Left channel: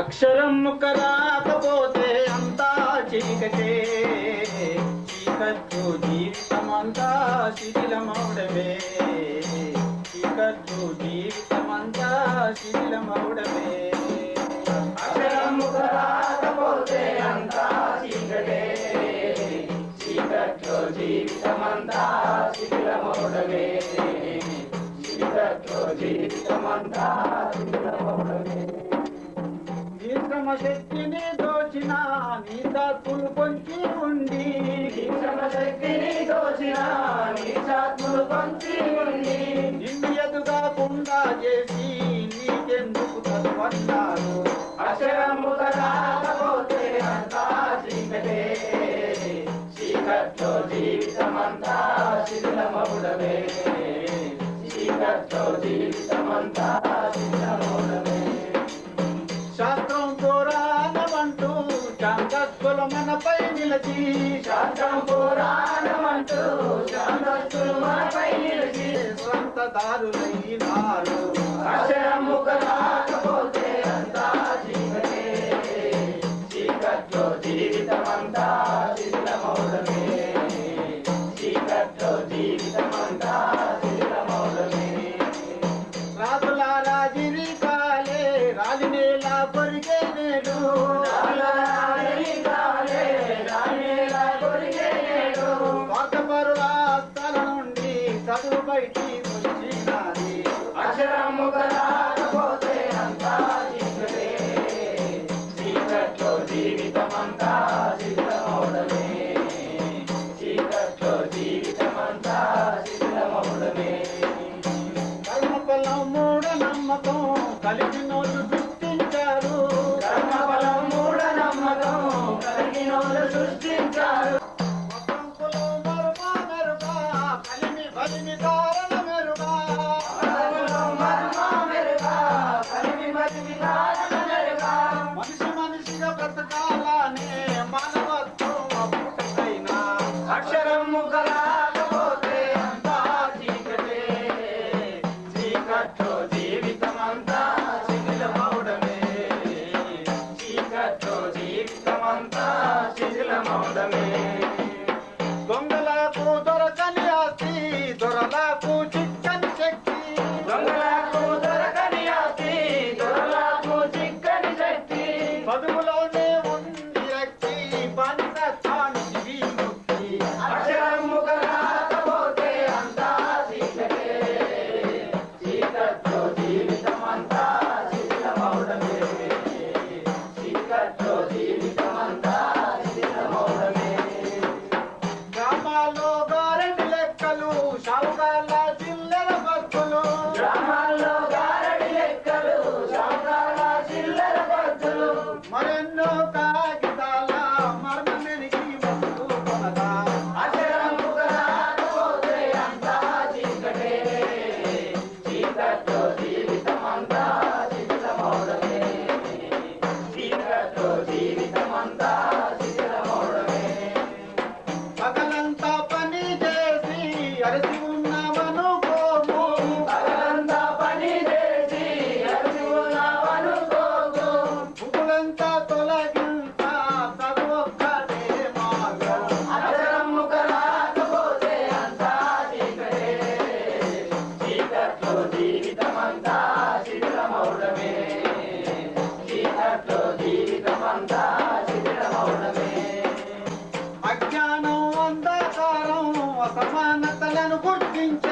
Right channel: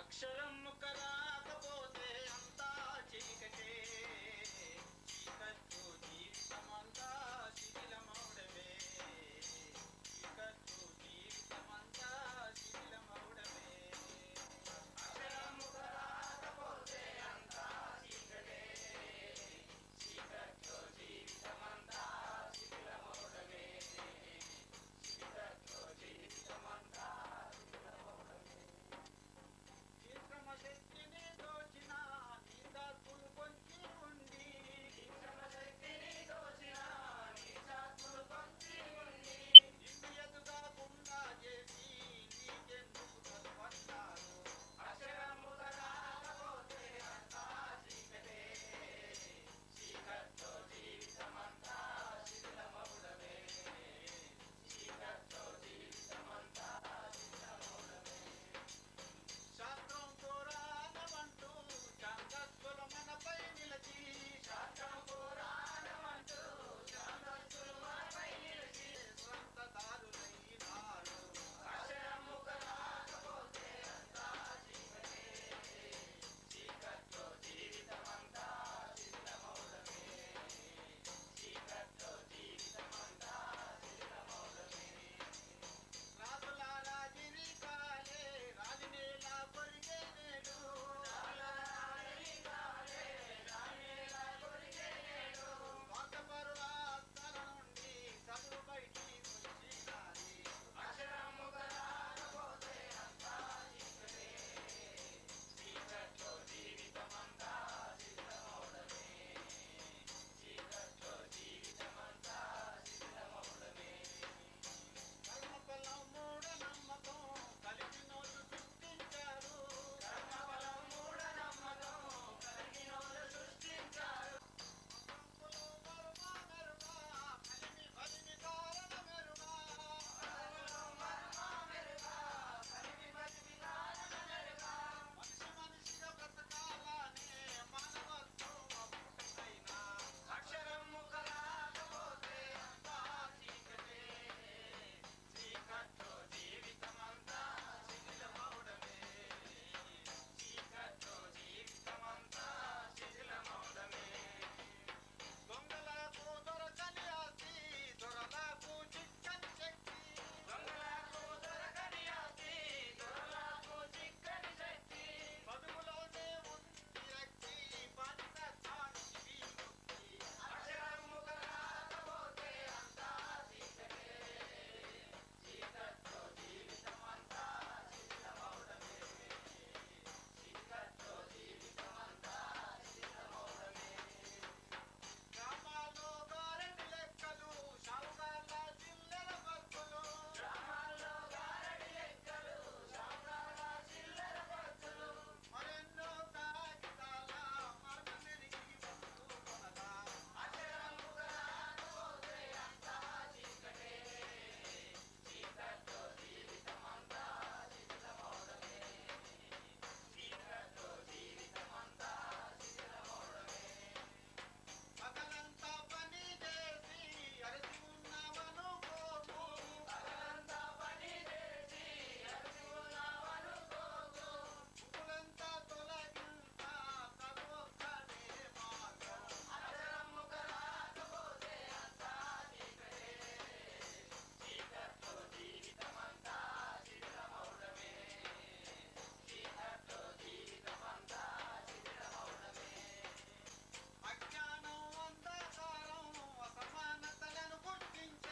అక్షరం ముక్క రాకపోతే అంతా చీకటే. చీకట్లు జీవితమంతా శిథిలమౌడమే చీకట్లు జీవితమంతా శిథిలమౌడమే అక్షరం ముక్క రాకపోతే అంతా చీకటే. చీకట్లో జీవితమంతా శిథిలమౌడమే చీకట్లో జీవితమంతా శిథిలమౌడమే శక్తిని దోచిన నీ దాత్ములు పొంచి ఉండి. శక్తిని దోచిన నీ దాత్ములు పొంచి ఉండి. నిన్ను ఎదుగాకుండా చేసి నీకెందుకు చదువన్నారు అక్షరము రాకపోతే అంతా చీకటే. చీకట్లో జీవితమంతా శిథిలమవుడమే చీకట్లో జీవితమంతా శాంతత్తులు మనపై నిలిచి శాంతం పురాణమంటూ శాంతస్తులు మనపై నిలిచి స్వంత దారులైనారు. అక్షరము రాకపోతే అంతా చీకటే చీకట్లో జీవితమంతా శిథిలమౌడమే చీకట్లో జీవితమంతా చదువు వచ్చినది అక్షరము రాకపోతే అంతా చీకటే చీకట్లో జీవితమంతా శిథిలమౌడమే చీకట్లో జీవితమంతా శిథిలమౌడమే కర్మఫలం మూఢ నమ్మకం కలిగినోళ్ళు సృష్టించారు కర్మఫలం మూఢ నమ్మకం కలిగినోళ్ళు సృష్టించారు. మనిషి మనిషిగా బ్రతకాలనే no working